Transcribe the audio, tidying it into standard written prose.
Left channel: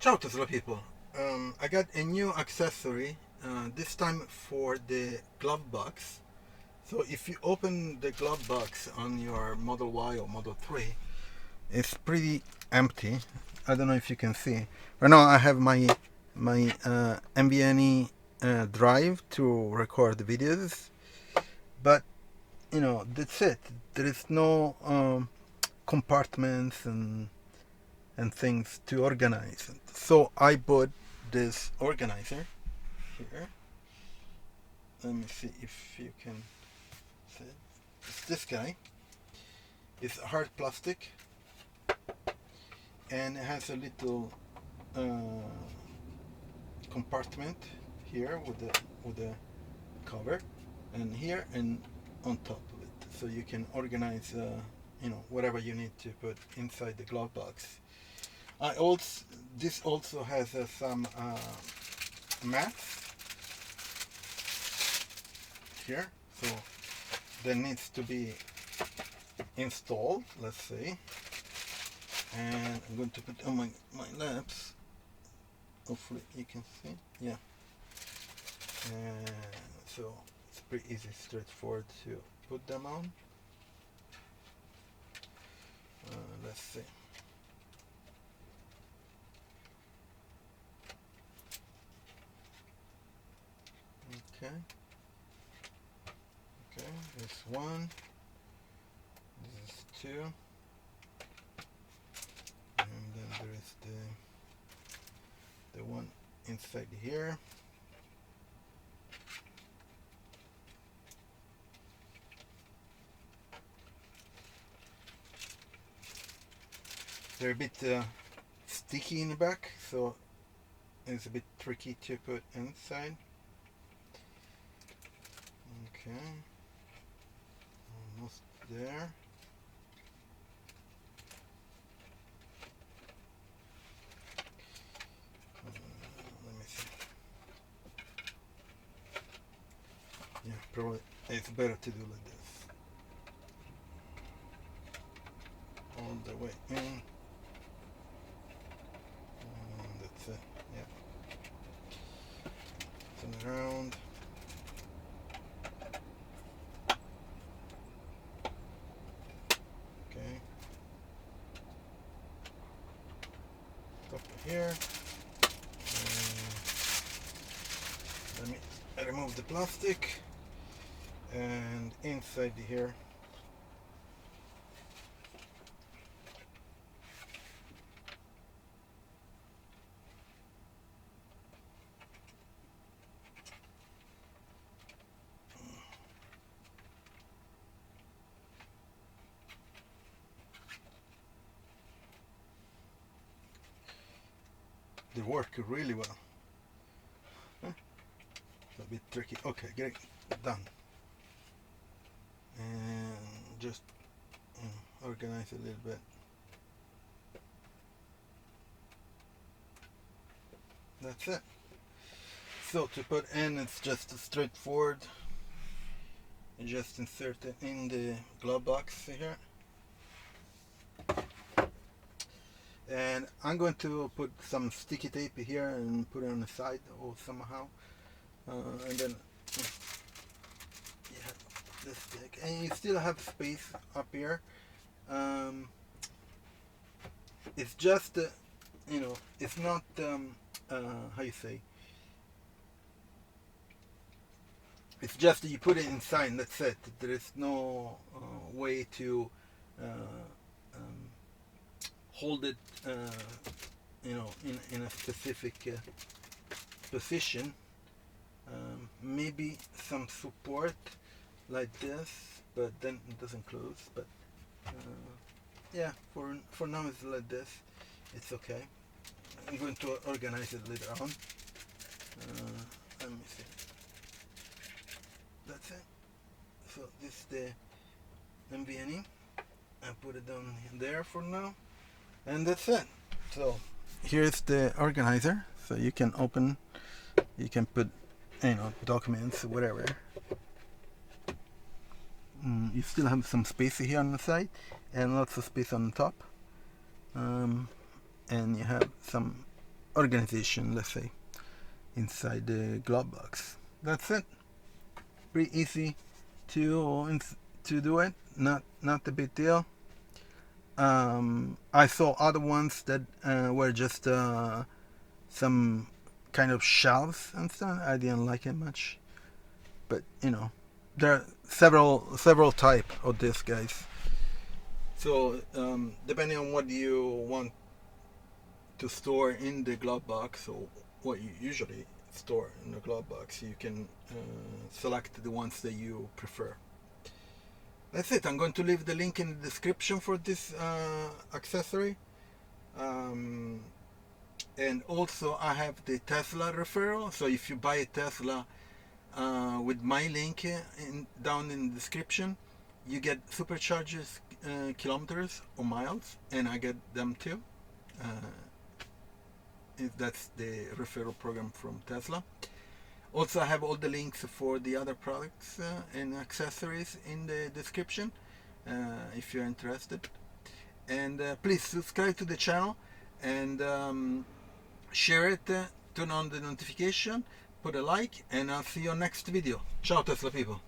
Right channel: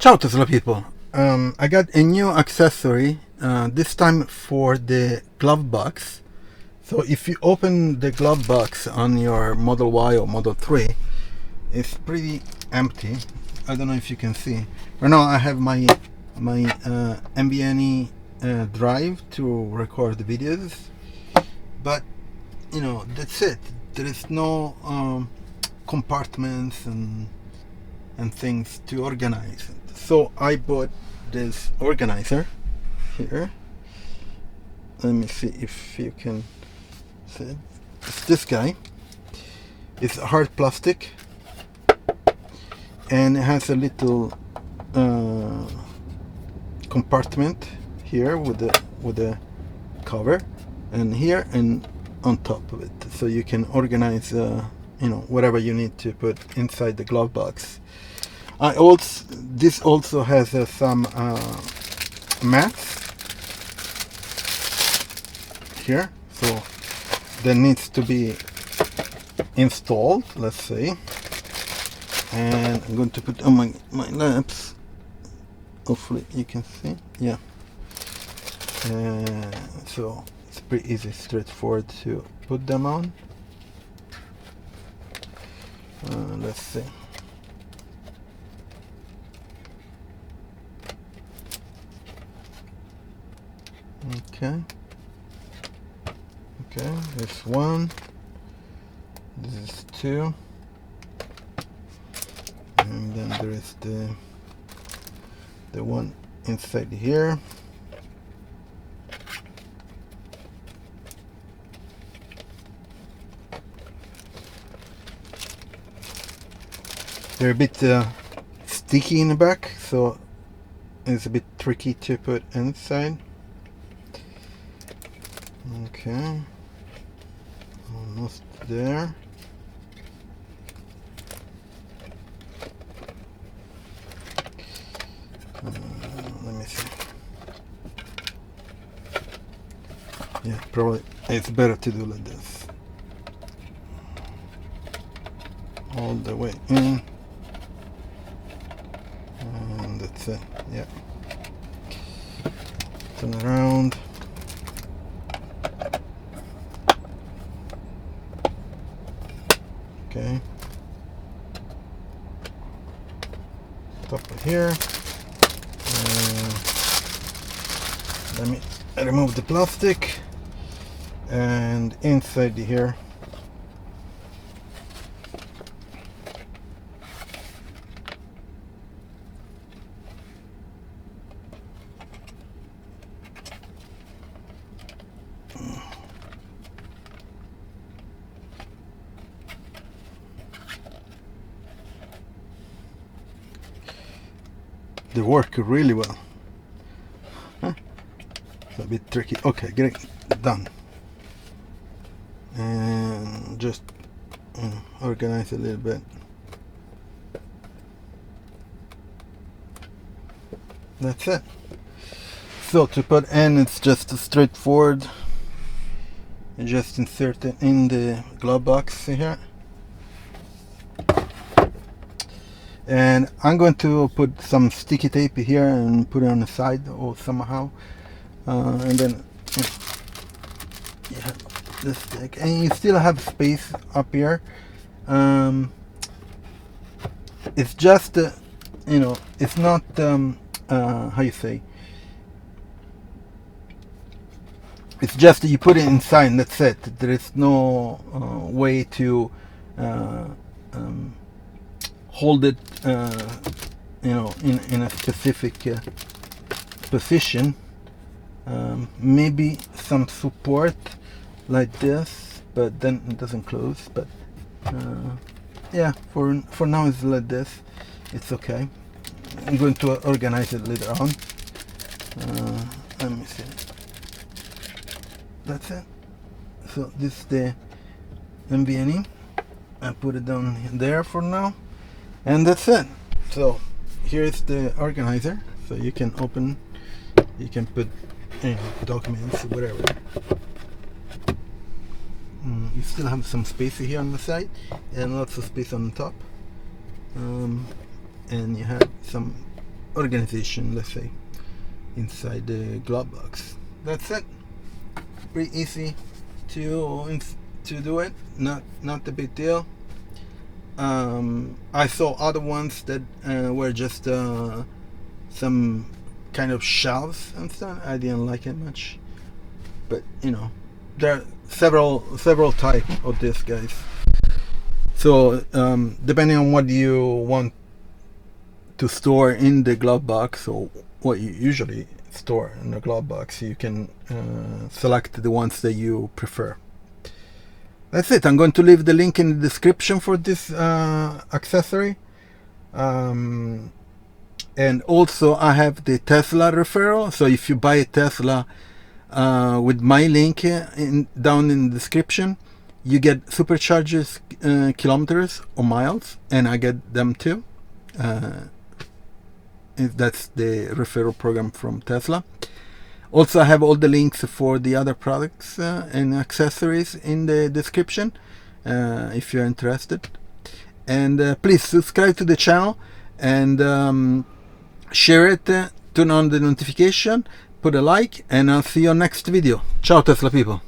Ciao Tesla people! I got a new accessory, this time for the glove box. So if you open the glove box on your Model Y or Model 3, it's pretty empty. I don't know if you can see. Right now I have my NVMe drive to record the videos, but you know, that's it. There is no compartments and things to organize. So I bought this organizer here. Let me see if you can see it. It's this guy. It's hard plastic and it has a little compartment here with the cover, and here and on top of it, so you can organize whatever you need to put inside the glove box. This also has some mats here, so that needs to be installed, let's say. And I'm going to put on my laps. Hopefully you can see. Yeah. So it's pretty easy, straightforward to put them on. Let's see. Okay, this one, this is two, and then there is the one inside here. They're a bit sticky in the back, so it's a bit tricky to put inside. Okay, almost there. Let me see. Yeah, probably it's better to do like this. All the way in. And that's it. Yeah. Turn around. Okay. Top of here. Let me remove the plastic, and inside here they work really well. It's a bit tricky. Okay, great, done. And just organize a little bit. That's it. So to put in, it's just straightforward. You just insert it in the glove box here. And I'm going to put some sticky tape here and put it on the side or somehow. And then you have this stick, and you still have space up here. It's just it's not how you say, it's just you put it inside and that's it. There is no way to hold it in a specific position. Maybe some support like this, but then it doesn't close. But yeah, for now it's like this. It's okay. I'm going to organize it later on. Let me see. That's it. So this is the NVMe. I put it down there for now, and that's it. So here's the organizer. So you can open, you can put documents, whatever. You still have some space here on the side and lots of space on the top, and you have some organization, let's say, inside the glove box. That's it. Pretty easy to do it. Not a big deal. I saw other ones that were just some kind of shelves and stuff. I didn't like it much, but you know, there are several types of this, guys. So depending on what you want to store in the glove box, or what you usually store in the glove box, you can select the ones that you prefer. That's it. I'm going to leave the link in the description for this accessory. And also I have the Tesla referral. So if you buy a Tesla with my link down in the description, you get Superchargers kilometers or miles, and I get them too. That's the referral program from Tesla. Also, I have all the links for the other products and accessories in the description if you're interested. And please subscribe to the channel and share it, turn on the notification, put a like, and I'll see you on next video. Ciao Tesla people.